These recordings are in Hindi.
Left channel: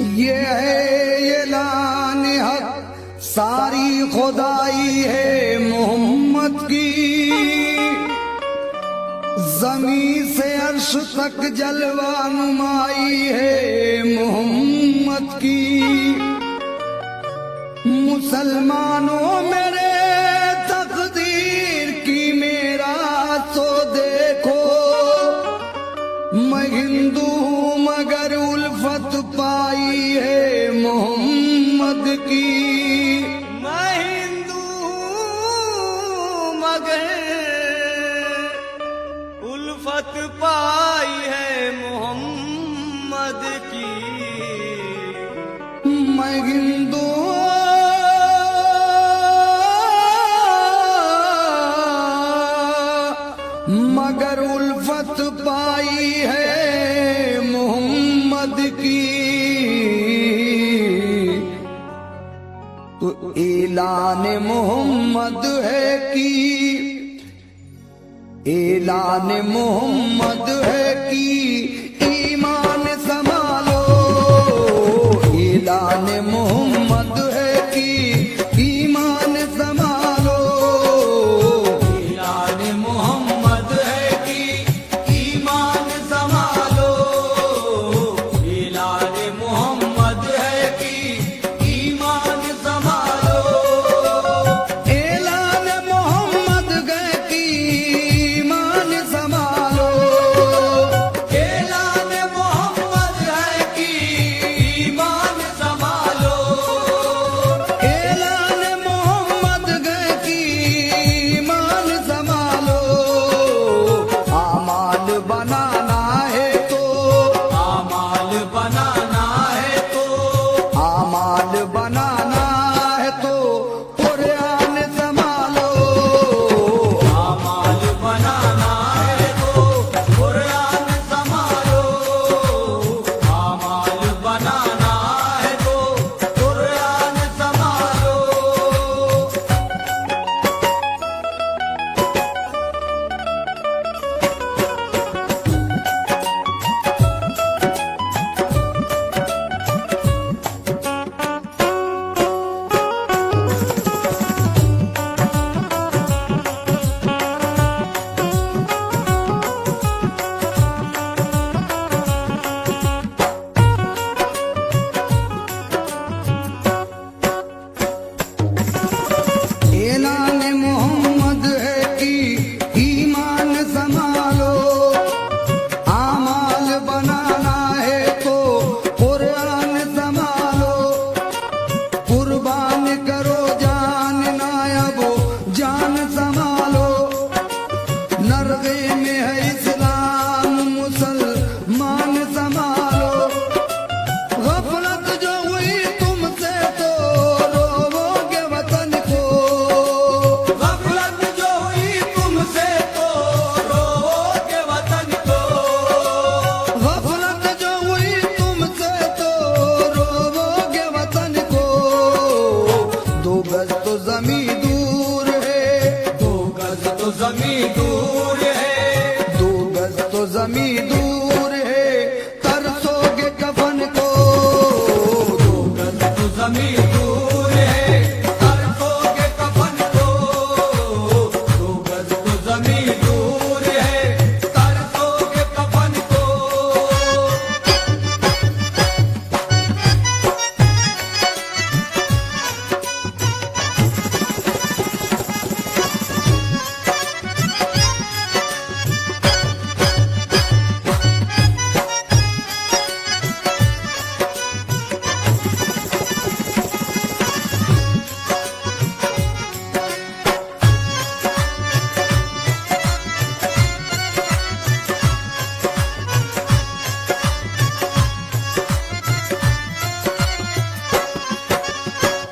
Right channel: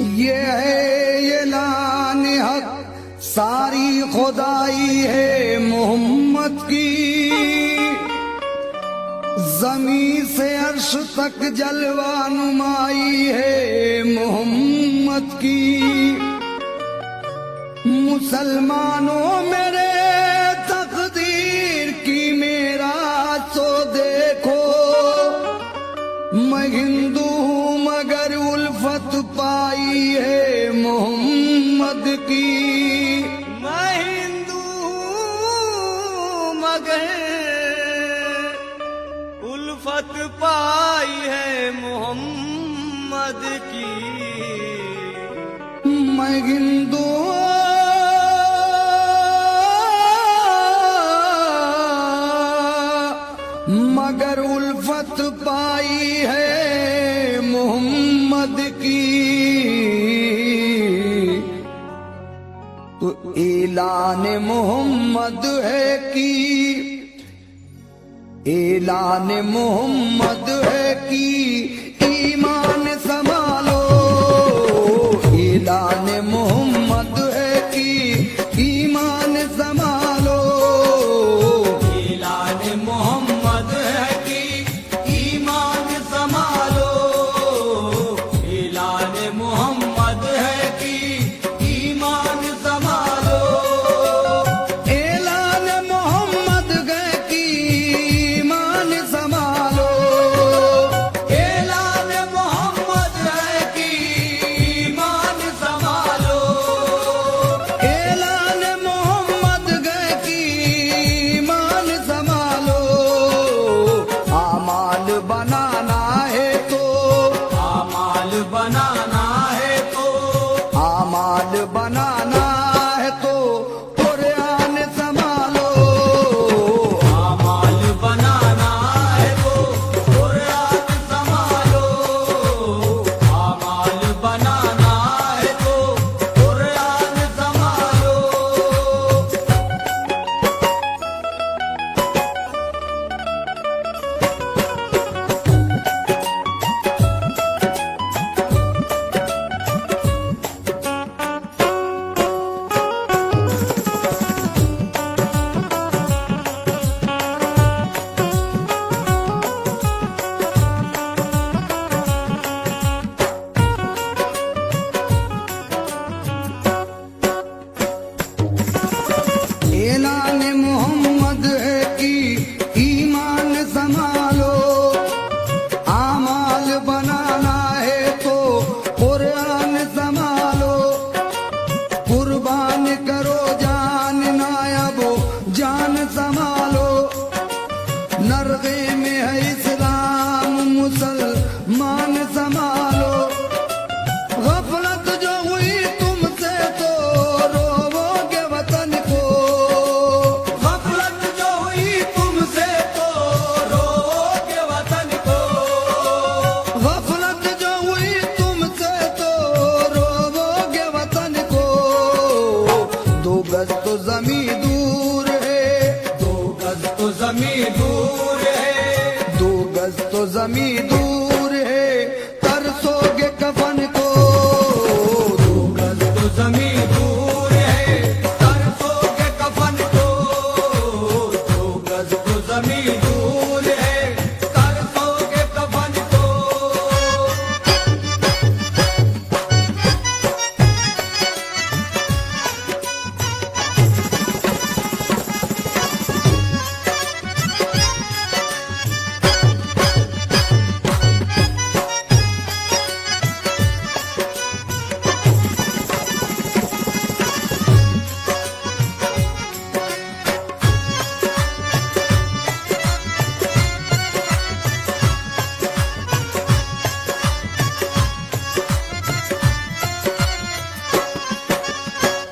ये है ऐलान हक, सारी खुदाई है मोहम्मद की। जमीन से अर्श तक जलवा नुमाई है मोहम्मद की। मुसलमानों मेरे तकदीर की मेरा तो देखो, मैं हिंदू हूँ मगर उल्फत पाई है मोहम्मद की। मैं हिंदू हूँ मगर उल्फत पाई है मोहम्मद की। मैं हिंदू मगर उल्फत पाई है मोहम्मद की। तो ऐलान मोहम्मद है कि ऐलान मोहम्मद है कि ईमान संभालो। ऐलान मोहम्मद है कि ईमान संभालो। ऐलान मोहम्मद है कि ईमान संभालो। ऐलान मोहम्मद है कि ईमान संभालो। ऐलान मोहम्मद है कि ईमान संभालो। ऐलान मोहम्मद है कि ईमान संभालो। ऐलान मोहम्मद है कि ईमान संभालो। आमाल बनाना है तो आमाल बनाना है तो आमाल बनाना है तो कुरान संभालो। आमाल बनाना है तो कुरान संभालो। आमाल बनाना है तो कुरान संभालो। ऐलान मोहम्मद है कि ईमान संभालो। आमाल बनाना है तो कुरान संभालो। कुर्बान करो जान नायबो जान संभालो। नरगे में है इस्लाम मुसलमान संभालो। गफलत जो हुई तुमसे तो रोवोगे वतन को। गफलत जो हुई तुमसे तो रोओगे वतन को। गफलत जो हुई तुमसे तो रोवोगे वतन को। दो गज तो जमी दूर है। दो गज तो जमीन दूर है। दो गज तो जमी दूर है, तरसोगे कफन को। दो गज तो जमीन दूर है। तरसोगे कफन को। दो गज तो जमीन दूर है। तरसोगे कफन को।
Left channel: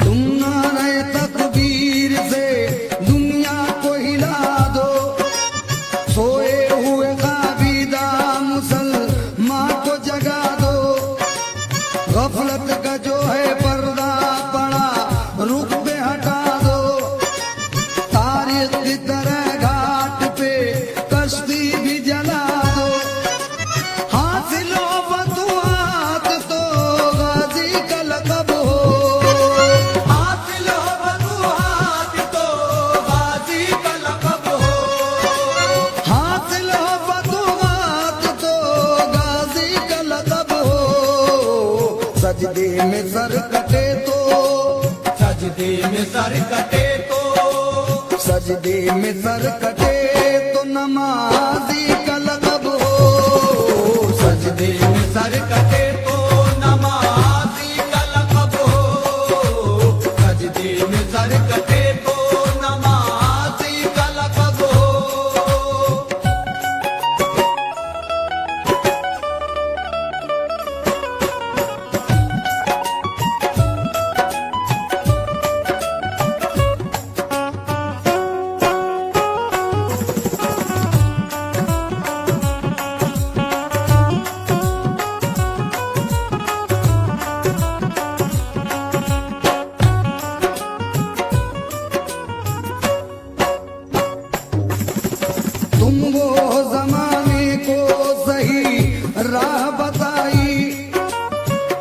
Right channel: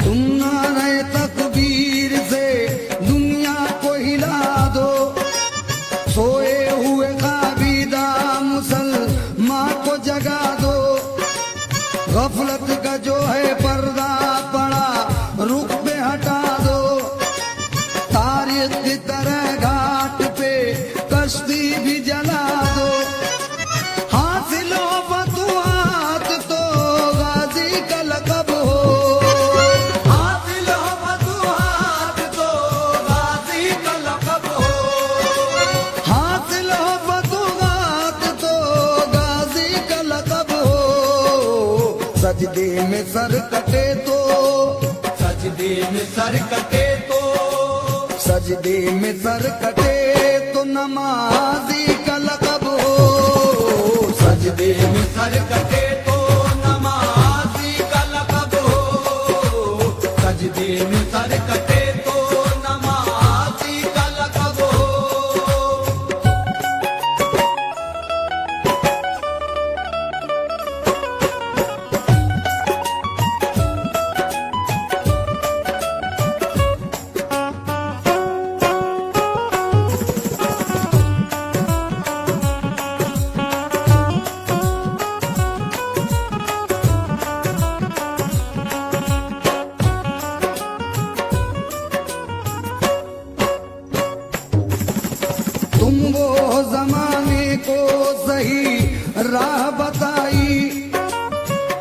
तुम नारे तकबीर से दुनिया को हिला दो। सोए हुए खाबीदा मुसलमान को जगा दो। गफलत का जो है पर्दा पड़ा रुख पे हटा दो। तारीख की तरह घाट पे कश्ती भी जला दो। हासिल हो फतुहात तो गाजी सजदे में सर कटे तो, सजदे में सर कटे तो, सजदे में सर कटे तो नमाजी का लक़ब हो। सजदे में सर कटे तो नमाज़ी का लक़ब हो। सजदे में सर कटे तो नमाज़ी का लक़ब हो। तुम वो जमाने को सही राह बताई,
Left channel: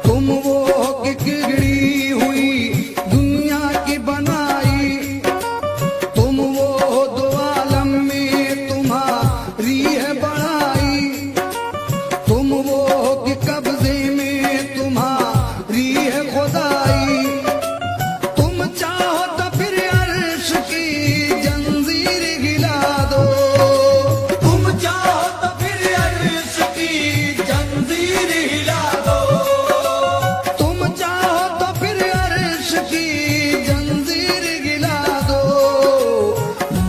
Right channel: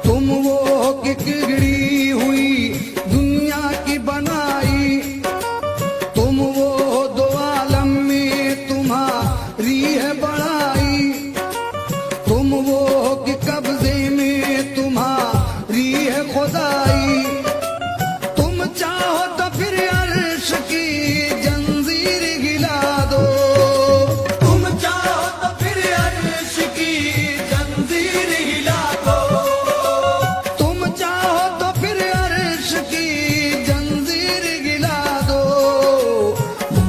तुम वो कि बिगड़ी हुई दुनिया की बनाई, तुम वो दो आलम में तुम्हारी है बढ़ाई, तुम वो कि कब्जे में तुम्हारी है खुदाई। तुम चाहो तो फिर अर्श की जंजीर हिला दो, तुम चाहो तो फिर अर्श की जंजीर हिला दो। तुम चाहो तो फिर अर्श की जंजीर गिला दो।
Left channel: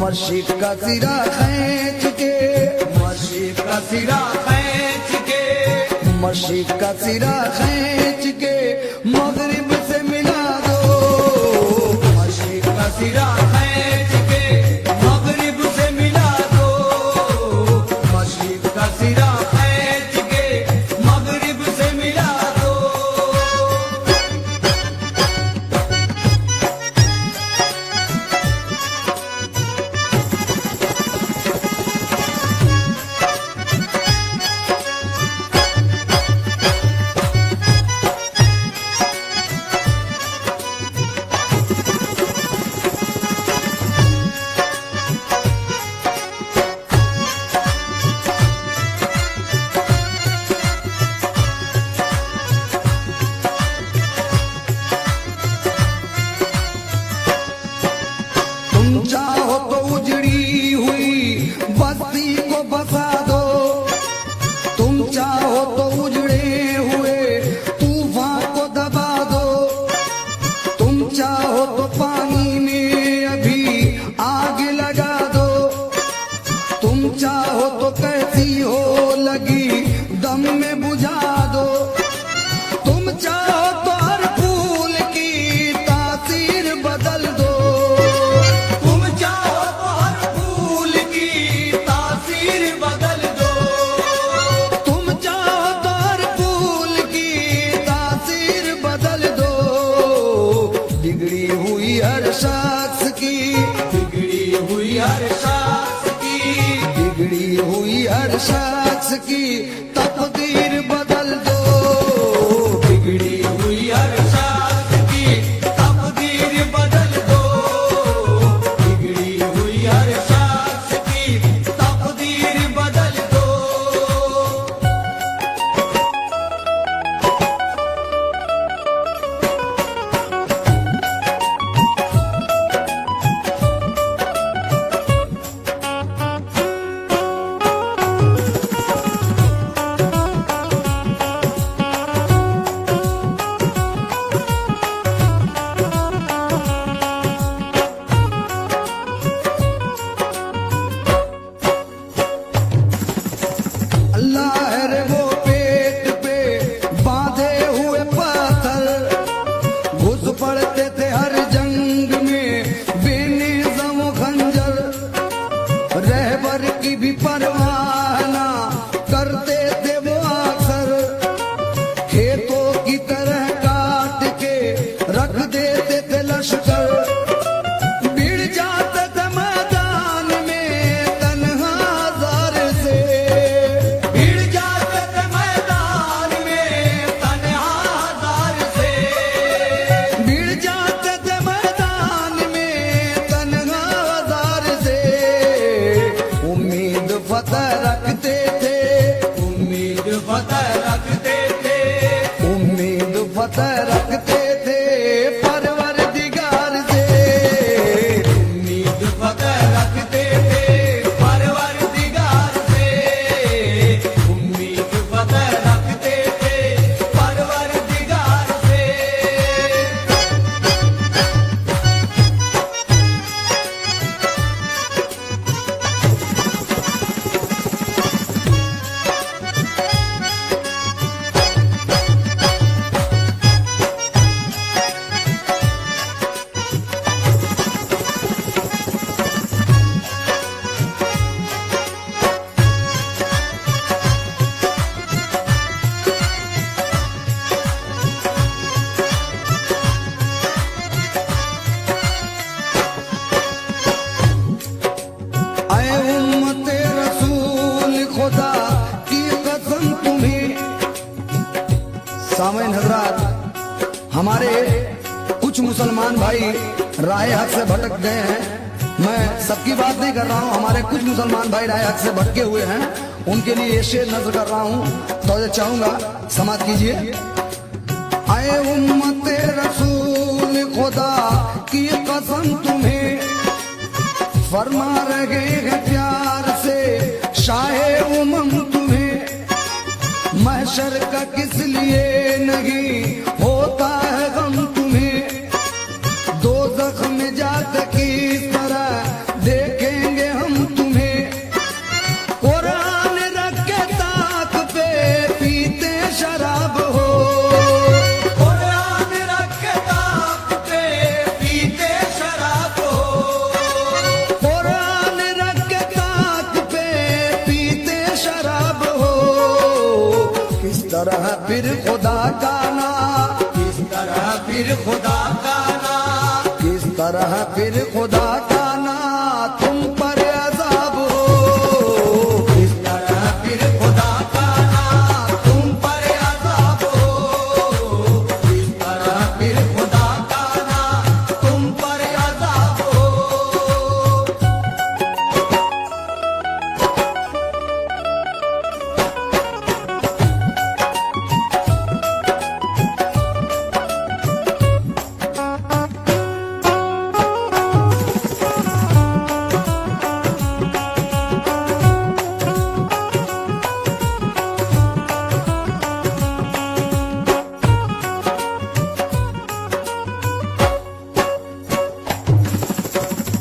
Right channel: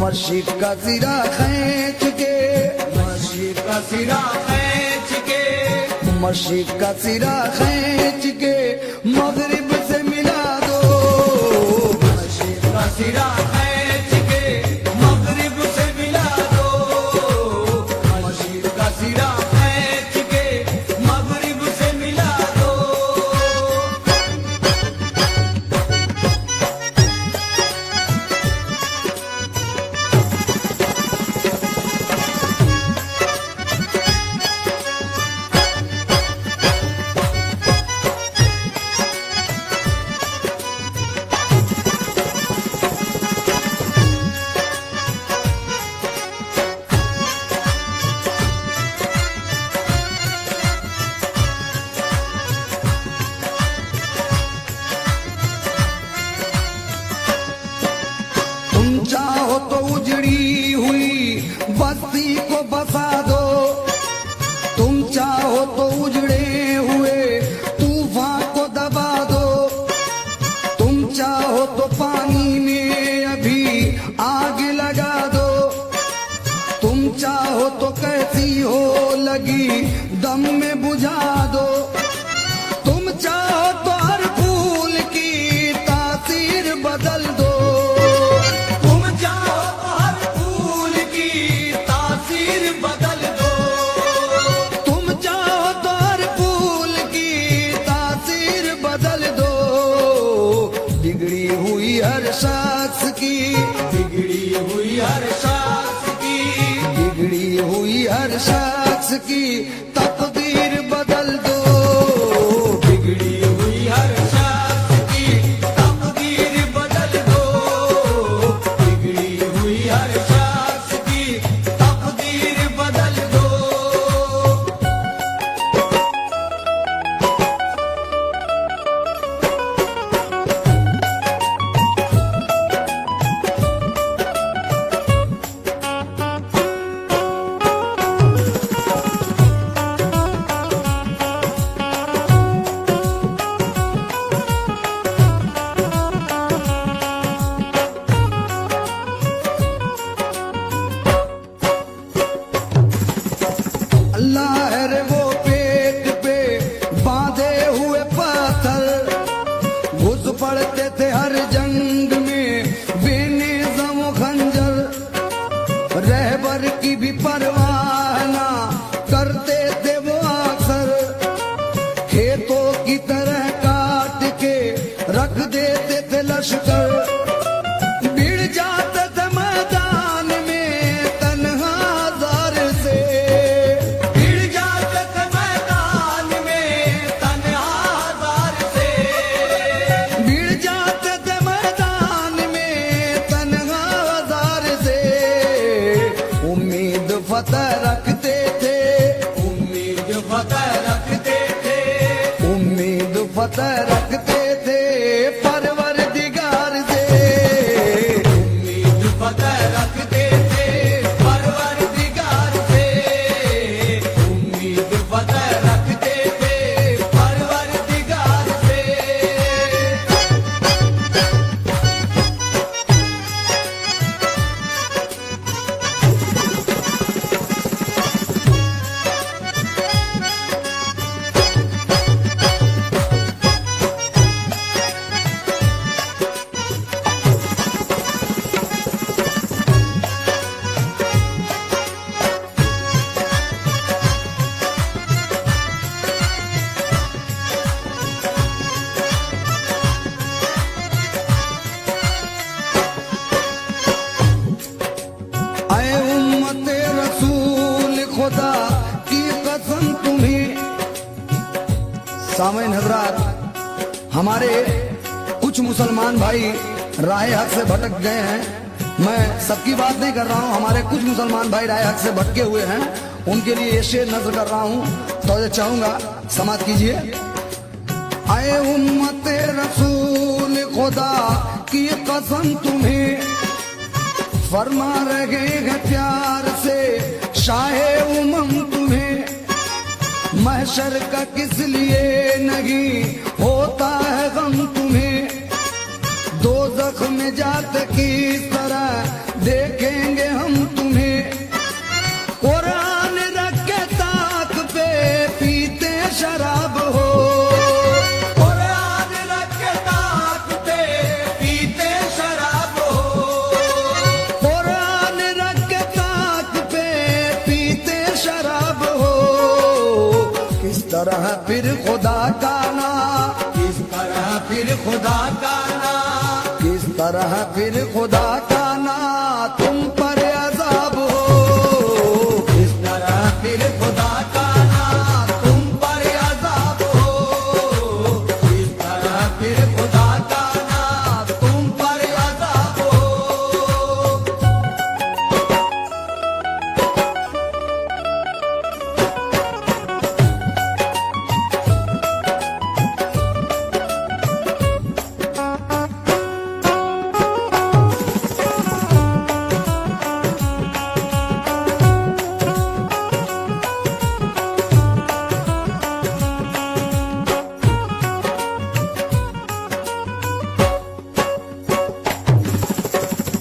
मशीक का सिरा खींच के, मशीक का सिरा खींच के, मशीक का सिरा खींच के मगरिब से मिला दो। मशीक का सिरा खींच के मगरिब से मिला दो। मशीक का सिरा खींच के मगरिब से मिला दो। तुम चाहो तो उजड़ी हुई बस्ती को बसा दो, तुम चाहो तो उजड़े हुए तूफान को दबा दो, तुम चाहो तो पानी में अभी आग लगा दो, तुम चाहो तो कैसी हो लगी दम में बुझा दो, तुम चाहो तो हर फूल की तासीर बदल दो। तुम चाहो तो हर फूल की तासीर बदल दो। तुम चाहो तो हर फूल की तासीर बदल दो। बिगड़ी हुई हर शख्स की, बिगड़ी हुई हर शख्स की, बिगड़ी हुई हर शख्स की तकदीर बदल दो। बिगड़ी हुई हर शख्स की तकदीर बदल दो। बिगड़ी हुई हर शख्स की तकदीर बदल दो। अल्लाह है रे वो पेट पे बांधे हुए पत्थर, घुस पड़ते थे हर जंग में बेनिज़म खंजर, रहबर की भी परवाह ना करते थे वो अक्सर, खेतों की तरह काट के रख देते थे लश्कर, भिड़ जाते थे मैदान में तन्हा जार से, भिड़ जाते थे मैदान में तन्हा जार से। भिड़ जाते थे फतेह रखते थे परवरदिगार से। उम्मीद फतेह रखते थे परवरदिगार से। उम्मीद फतेह रखते थे परवरदिगार से। ऐ उम्मते रसूल खुदा की कसम तुम्हें। सामईन हजरात, हमारे कुछ मुसलमान भाई राह हक से भटक गए हैं। मैं सबकी बात नहीं कर रहा हूं, हमारे कुछ मुसलमान भाई राह हक से भटके हुए हैं, उनके लिए ये शेर नजर कर रहा हूं, तो चाहूंगा समाप्त कीजिए। ऐ उम्मते रसूल खुदा की कसम तुम्हें, फरमा रहे हैं प्यार से शाहे उमम तुम्हें। महशर का किस लिए नहीं होता है गम तुम्हें। दोज़ख में जात किस तरह देखेंगे हम तुम्हें। कुरान रख के ताक पे पीते शराब हो। कुरान रख के ताक पे पीते शराब हो। कुरान रख के ताक पे पीते शराब हो। किस तरह फिर खुदा का ना, किस तरह फिर खुदा का ना, किस तरह फिर खुदा का ना तुम पर अज़ाब हो। किस तरह फिर खुदा का ना तुम पर अज़ाब हो। किस तरह फिर खुदा का ना तुम पर अज़ाब हो।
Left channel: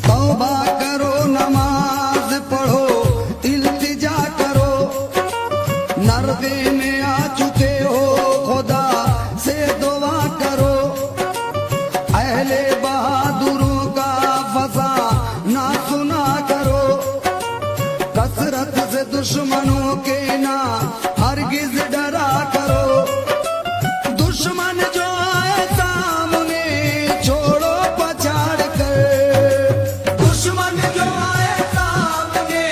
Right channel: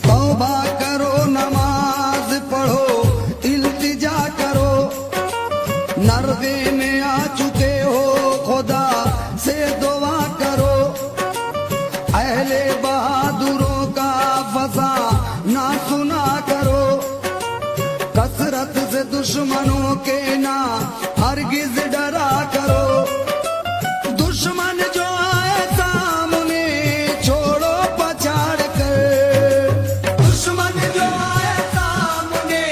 तौबा करो, नमाज पढ़ो, इल्तिजा करो। नरगे में आ चुके हो, खुदा से दुआ करो। अहले बहादुरों का फसा ना सुना करो। कसरत से दुश्मनों के ना हरगिज डरा करो। दुश्मन जो आए सामने छोड़ो पछाड़ कर। दुश्मन जो आए सामने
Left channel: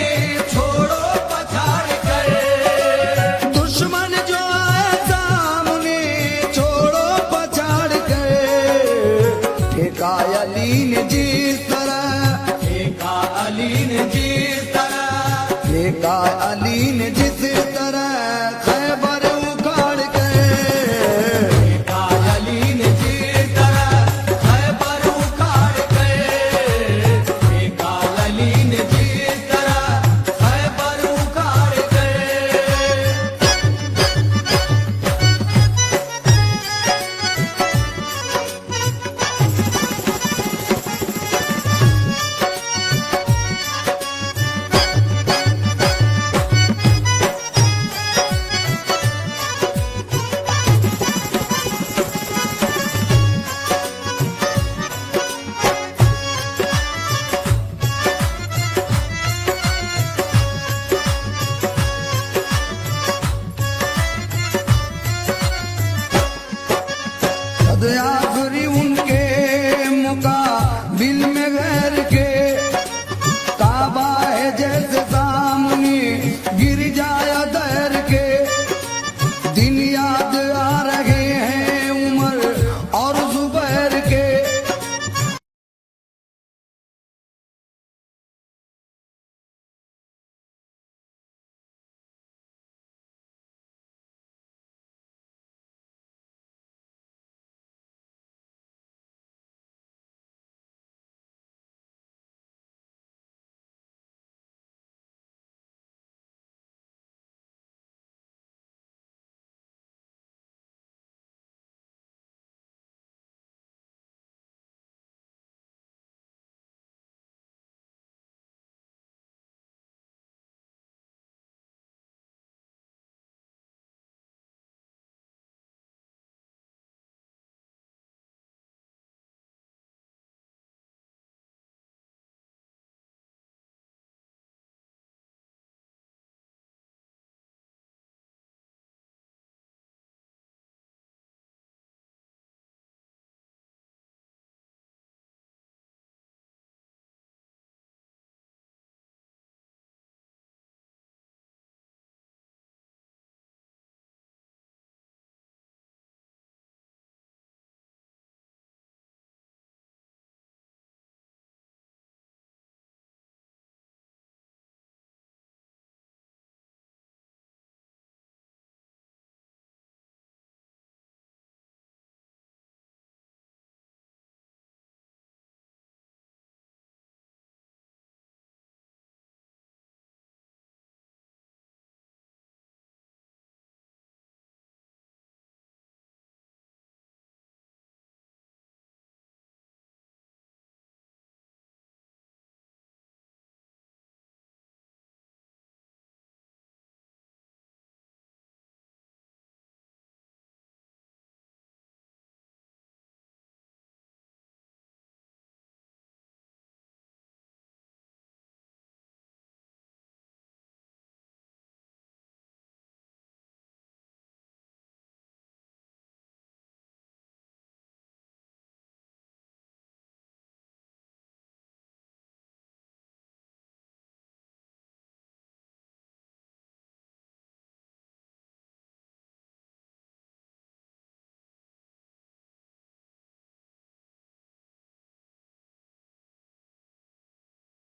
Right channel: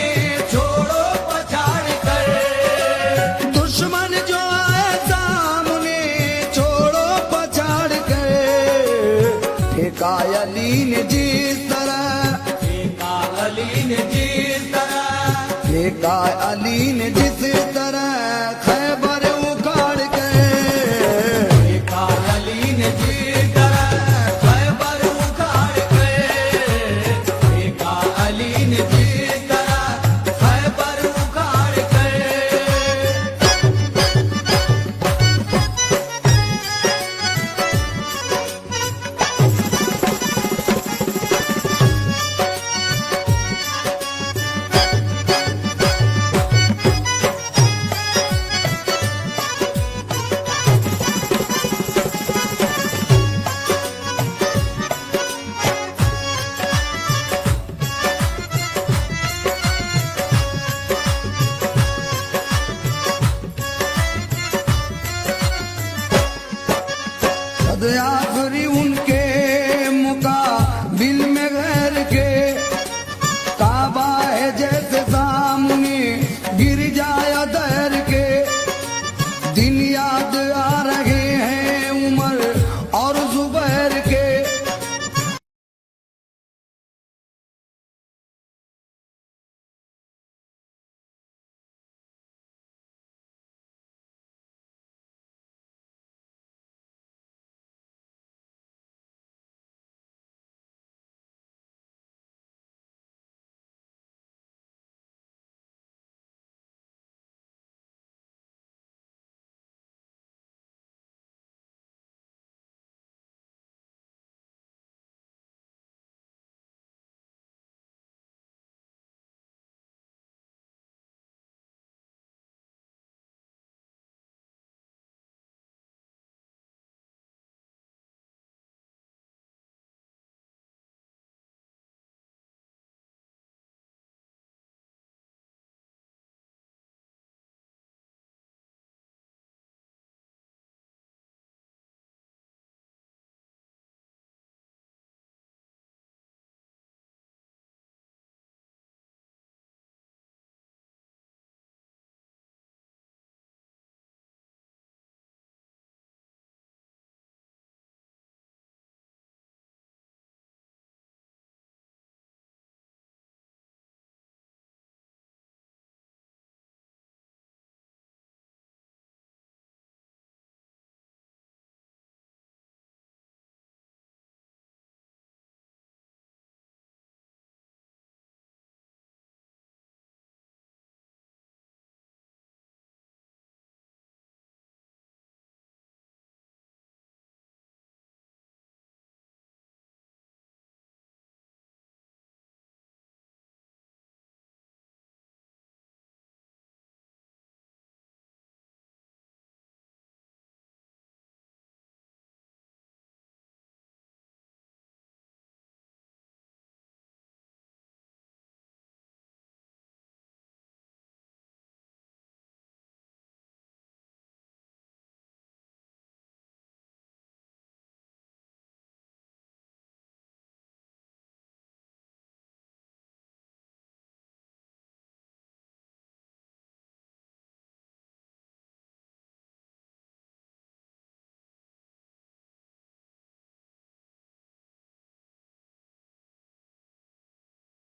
छोड़ो पछाड़ कर। दुश्मन जो आए सामने छोड़ो पछाड़ कर। ठेका अली ने जिस तरह, ठेका अली ने जिस तरह, ठेका अली ने जिस तरह खैबर उखाड़ कर। ठेका अली ने जिस तरह खैबर उखाड़ कर। ठेका अली ने जिस तरह खैबर उखाड़ कर। सद आखिरी उनके